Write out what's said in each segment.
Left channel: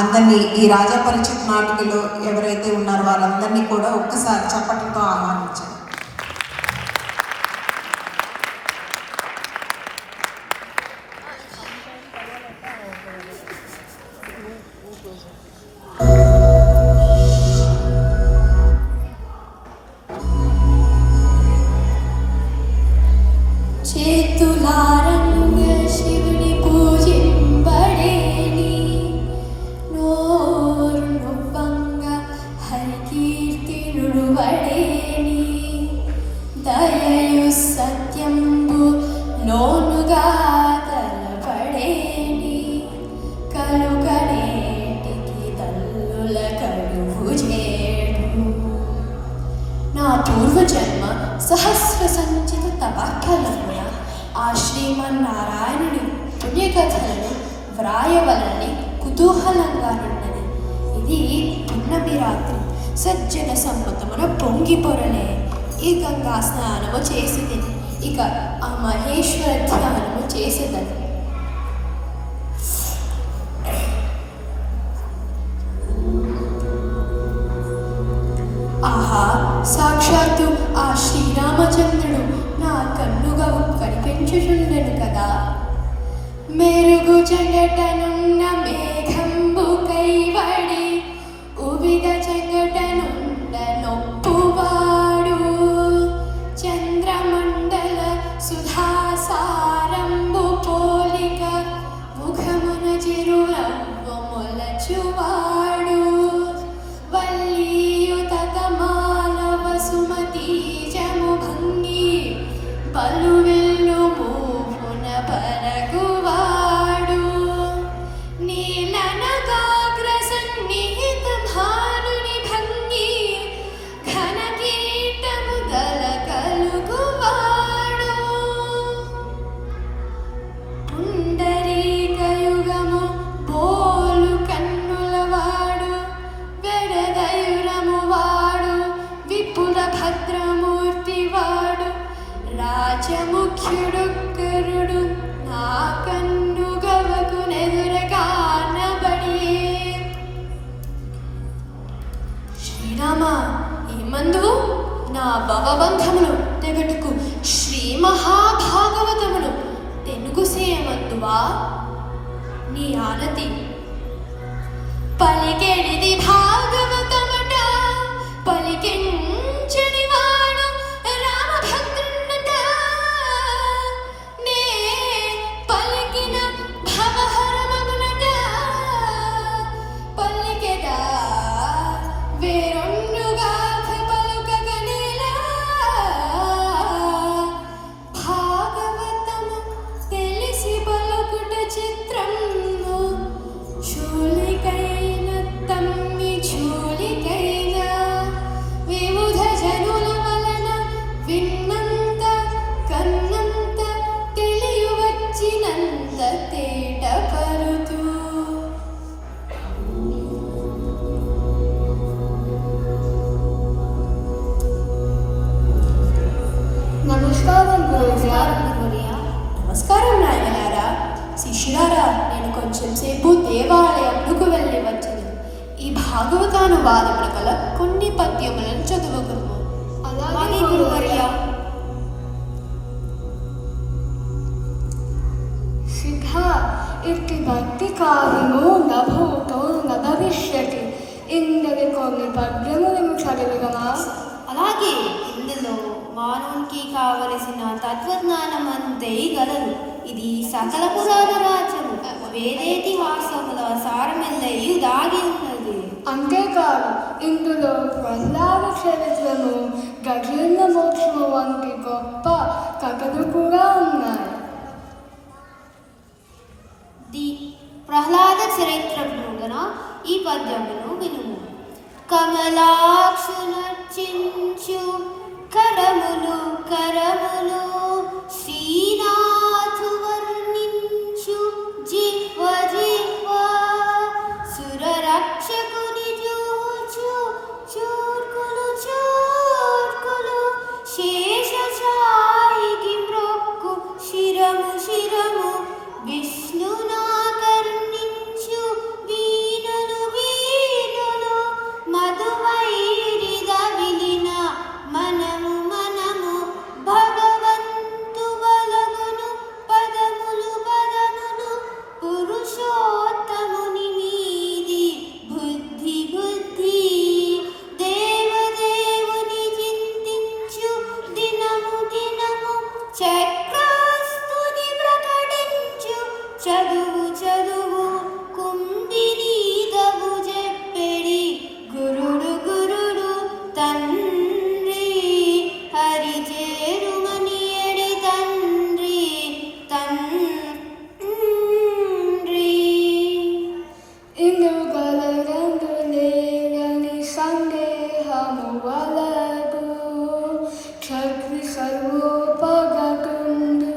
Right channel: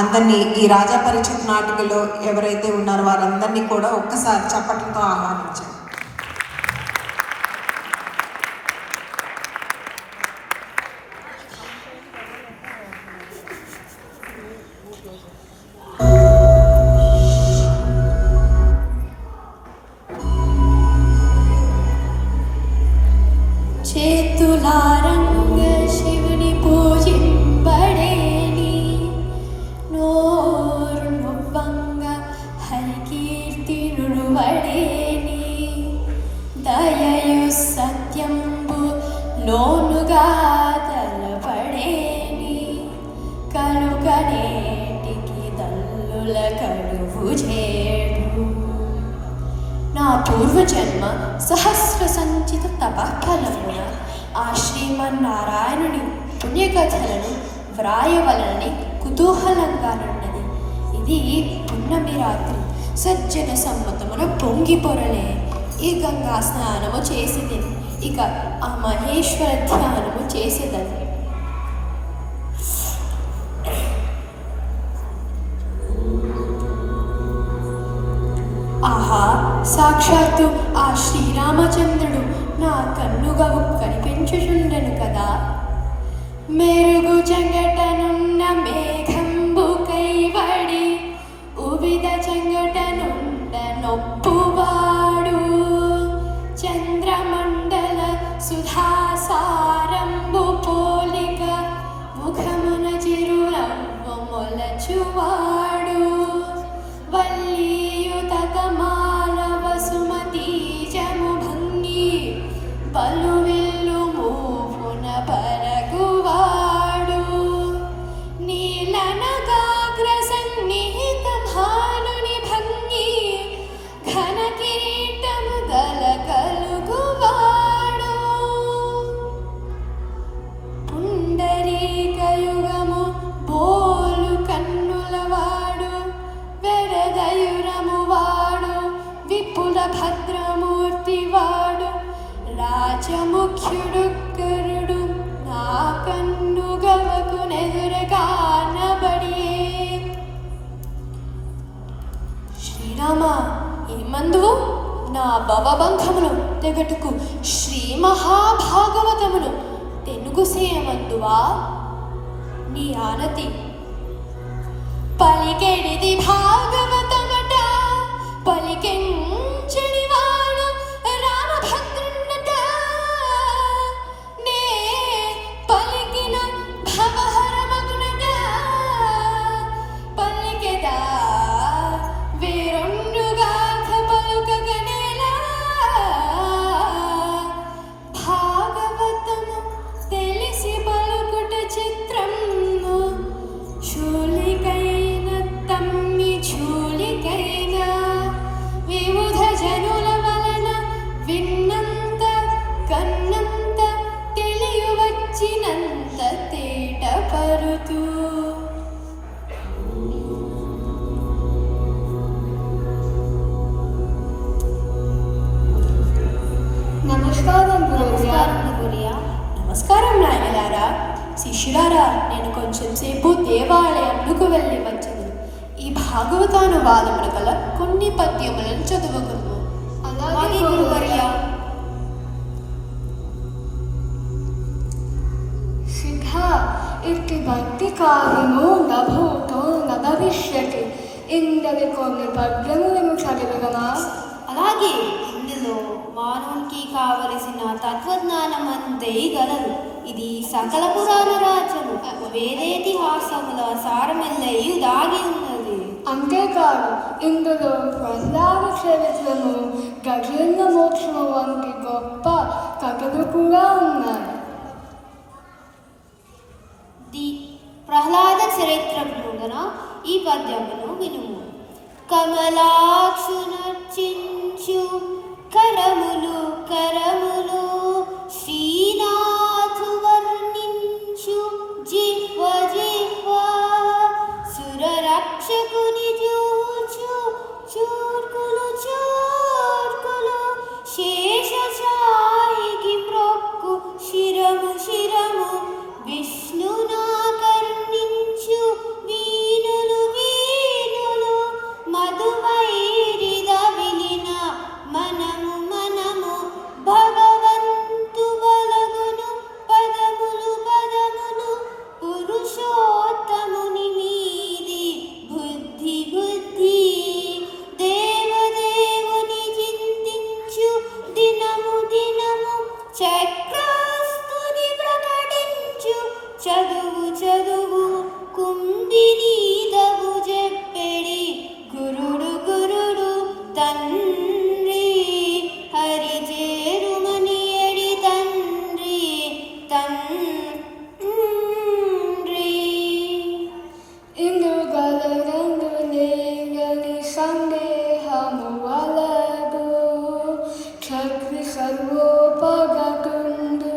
అందరినీ ఈ రాజా పరిషత్ నాటికలో ఎవరైతే ఉన్నారో వారందరినీ కూడా ఒక్కసారి చప్పట్లతో ఆహ్వానించారు. నా పూర్వజన్మ సహస్ర సంచిత తపఫలమున ఆ శ్రీమన్నారాయణుని పుణ్యకథలను వ్రాయవలని కుతూహలంగా ఉన్నది. ఇది పున్నమి రాత్రి సజ్జన సమ్మతమున పొంగి పొరలే ఈ గంగా స్నానము చేసిది. ఇక ఆ మహేశ్వర ధ్యానము చేసేదని. ఆహా, సాక్షాత్తు ఆ శ్రీరామచంద్రుడు నా కన్నుగా కనిపించుచుండెను కదా. మెరుగు చెంగటనున్న మేఘంబు కైవడి ఉవిద చెంగటనుండ నొప్పువాడు చంద్రమండల సుధాసారంబు పోలిక ముఖమున చిరునవ్వు మొలచువాడు వల్లీయుతక మానవ సుమతీజము భంగి పలువెల్లు మూపున పరగువాడు నీలనగాగ్ర సన్నిహిత భానుని భంగి ఘన కిరీటము గల కలుగువాడు పుండరీకయుగము బోలు కన్నులవాడు వెరదయురము వాడు విపుల భద్రమూర్తి వాడు రాజముఖ్యుడు కరుడు నా కన్నుగవకు నెదురగానబడి. శ్రీరామ, ఏమందు నా భవబంధములు తెగటుకు శ్రీ మహాభాగవతమును తెనుగుసేయమందువా నీ ఆనతి పలికెడిది భాగవతమట పలికెంచని వాడు రామభద్రున్నట నే పలికిన భవహరమగునట పలికెదా వేరొన్నుగాథ పలుకగనేలా భాగవతము తెలిసి పలుకుట చిత్రము చూలికైన తమ్మి చూలికైనా వివిధ జనుల వలన విన్నంత కన్నంత తెలియవచ్చినంత తేట పరుతూ నమస్కారం నమస్కారం నాయనలారా, శిష్యులారా. నేను కొంచెం సేపు దేవాలయంకు వెళ్ళి వచ్చాను. ఈ భాగవతానువాదములు గల కొన్ని పద్యములను చదువుకున్నాము. అలాగే గురువర్య. శిఖ ఇట్టి భక్తి కార్యము నభూతో నభవిష్యతి. ఇందరి కొన్ని పద్యములను చదివగమా? అలాగే ఇందులో మానవునికి కావలసిన తత్వజ్ఞానం అంతే గలదు. ఇది సకల పురాణ రాజ్యము వేదేతిహాసముల సారమెల్లయు దాగి ఉన్నది. అంతేకాదు ఇందులో ప్రహ్లాద చరిత్రము గజేంద్ర మోక్షము వంటి గొప్ప కథలు కూడా ఉన్నాయి. ప్రహ్లాద చరిత్రమున ఈ పద్యమును వినుము. కమలాక్షునర్చించు కరములు కరములు శ్రీనాథు వర్ణించు జిహ్వ జిహ్వ సురరక్షకుని చూచు చూర్కులు చూర్కులు శేషచాయికి మ్రొక్కు శిరము శిరము విష్ణునా కర్ణించు వీణులు వీరుగలరందు లేరని సందేహము వలదు. చక్రి సర్వోపగతుండు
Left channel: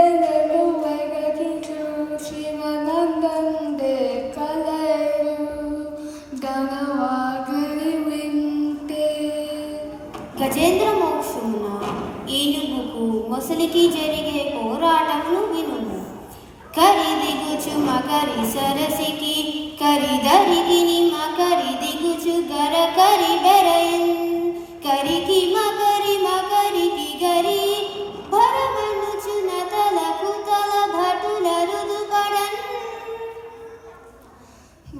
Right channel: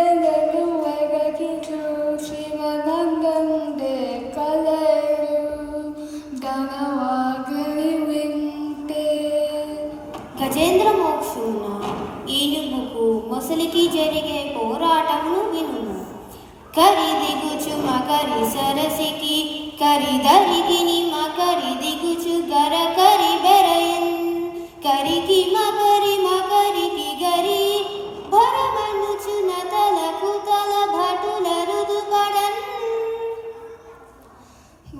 ఎనలు వెగకి చూసిన నందందే కలరు ధనవాగలి వింటే. గజేంద్ర మోక్షమున ఏనుగుకు మొసలికి జరిగే పోరాటమును వినుము. కరి దిగుచు మకరి సరసికి కరిదరికిని మకరి దిగుచు గర కరి బెరయన్ కరికి మకరి మకరికి గరి భరమనుచు నతలకు తల భటుల రుదుపడన్.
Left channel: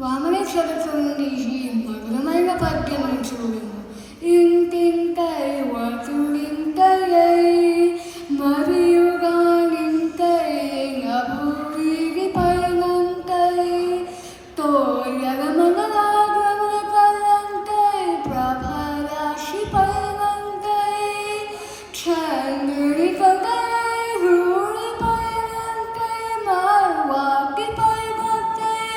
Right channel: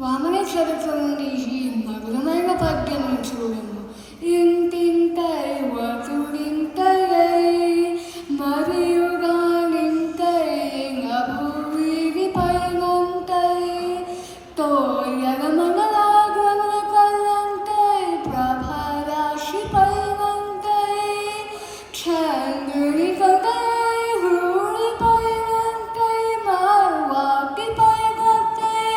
వామన చరిత్ర నుండి ఈ మధురమైన పద్యమును చూడము. ఇంటింతై వటుడింతై మరియుగానింతై నభూవిరి పైనంతై తోయల మంగళాగ్రముల పల్లంతై ప్రభారాశి పైనంతై చంద్రుడి కొకై రూడి పైనంతై మార్వాటి పైనంతై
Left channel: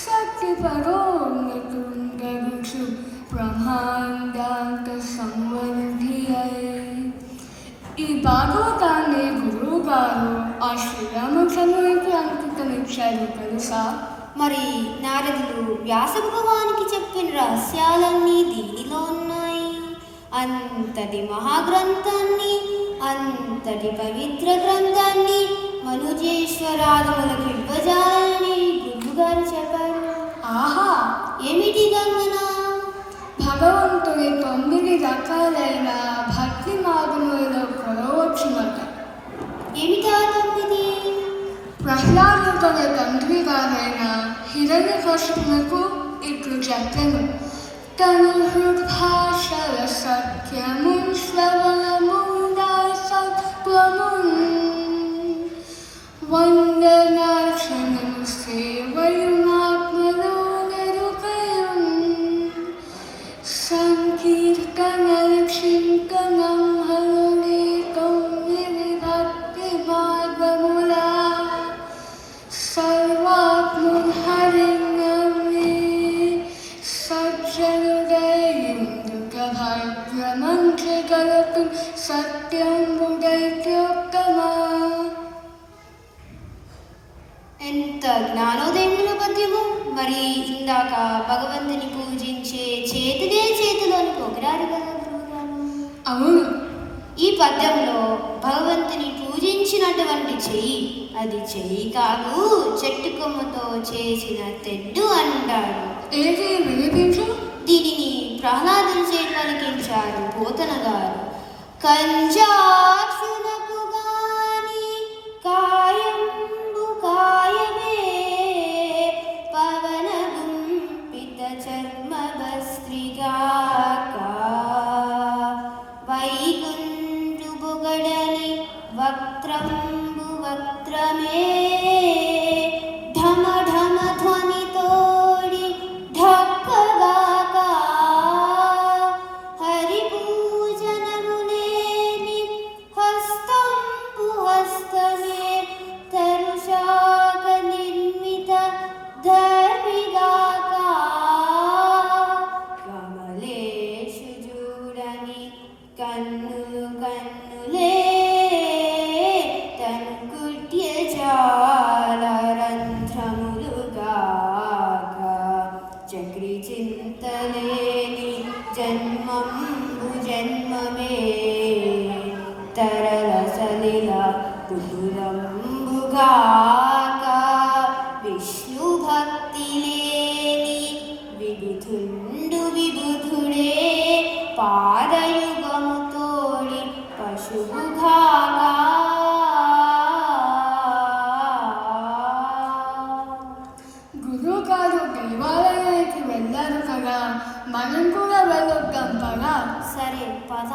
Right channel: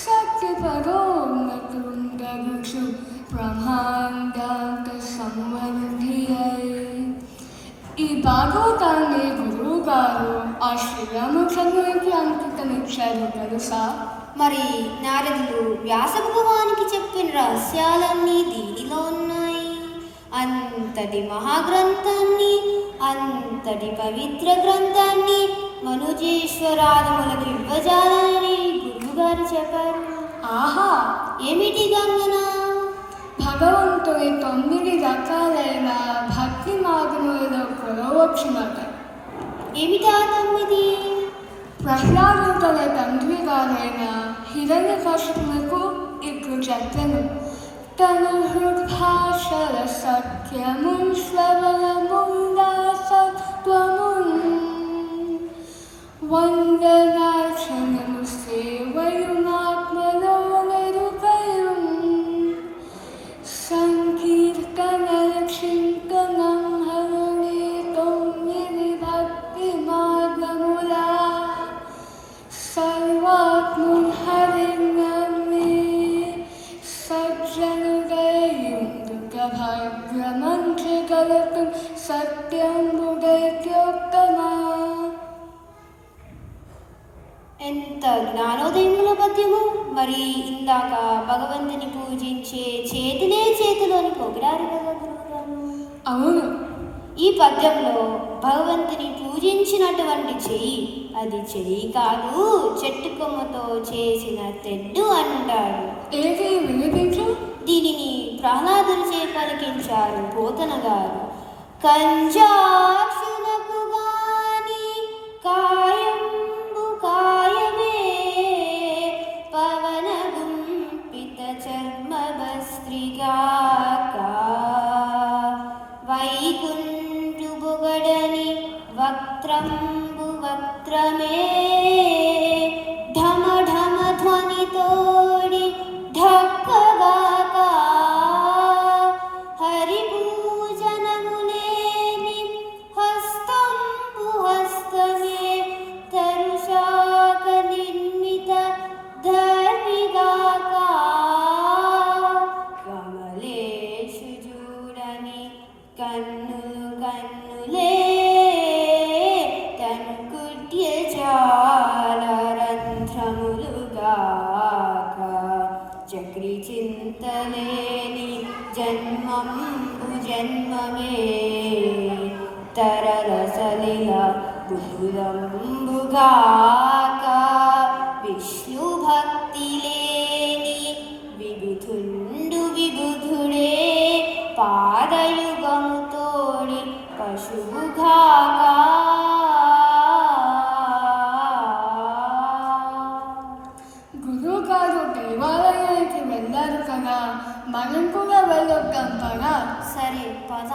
శక్తి పరోన్నతుండగుచు బ్రహ్మాండాంత సంవర్ధి అయి. ఈ భాగవతాన్ని గురువు గారు ఆ శ్రీరామచంద్రునికి అంకితమిచ్చారు తెలుసా? మరి నారదులు వ్యాస భగవానికి చెప్పిన రహస్యాలన్నీ దీనిలో ఉన్నాయి. అంతటి మహాగ్రంథాన్ని, అంతటి పవిత్ర గ్రంథాన్ని మనుజేశ్వరాదములకు ఇవ్వజాలని గురువుగారు చెప్పారు. ఆహా, ఏమిటి గంగన? భగవంతుని 9 రకాలైన భక్తి మార్గములలో కొలవచ్చునట. ఏమిటా 9? ప్రహ్లాదుని తండ్రి గారైన హిరణ్యకశిపునకు ఇట్లు చెప్పెను. తను హృద్భాషల సత్యమున్ శ్రవణముందా సత్వమున్ వందనార్చనము సేవయుమాత్మలో నెరుకయున్ సంకీర్తనల చింతనం హరుని 9 భక్తి మార్గములా సర్వాత్మున్ హరినమ్మి సజ్జనుడైయుండుట భాగ్యమంచి కలుగు సత్యంబుడైత్యోత్తమా. ఎంత జ్ఞానోదయముల పద్యము! మరి ఇందాక భగవంతుని పూజించే చేతులే చేతులు అని పొగిడారు కదా గురువుగారు. అవును, ఈ పద్యంలో భగవంతుని పూజించినటువంటి చెయ్యి అది చెయ్యి కాదు, చెట్టు కొమ్మతో చేసిన తెడ్డు అంటారు. ఏది వినిపించు. దీనిని ప్రహ్లాదుని చే పలికించారు పోతన గారు. కంజాక్షులకు గాని కాయంబు కాయమే పవన గుంపిత చర్మ భస్త్రిగాక వైకుంఠు బొగడని వక్త్రంబు వక్త్రమే ఢమ ఢమ ధ్వనితోడి ఢక్కగాక హరి పూజనమునేని హస్తంబు హస్తమే తరుశాక నిర్మిత ధర్మిగాక కమలేషు చూడని కన్నులు కన్నులే తను కుట్య జాల రంధ్రములుగాక చక్రి చింతలేని జన్మంబు జన్మమే తరల సలిల దురంబుగాక విష్ణు భక్తి లేని విబుధుండు విబుధుడే పాదయుగము తోడి పశువుగాక. గురువు గారు దేవాలయానికి వెళ్ళారు కదా, మనం కూడా వెళ్ళొద్దాం కదా. సరే పద.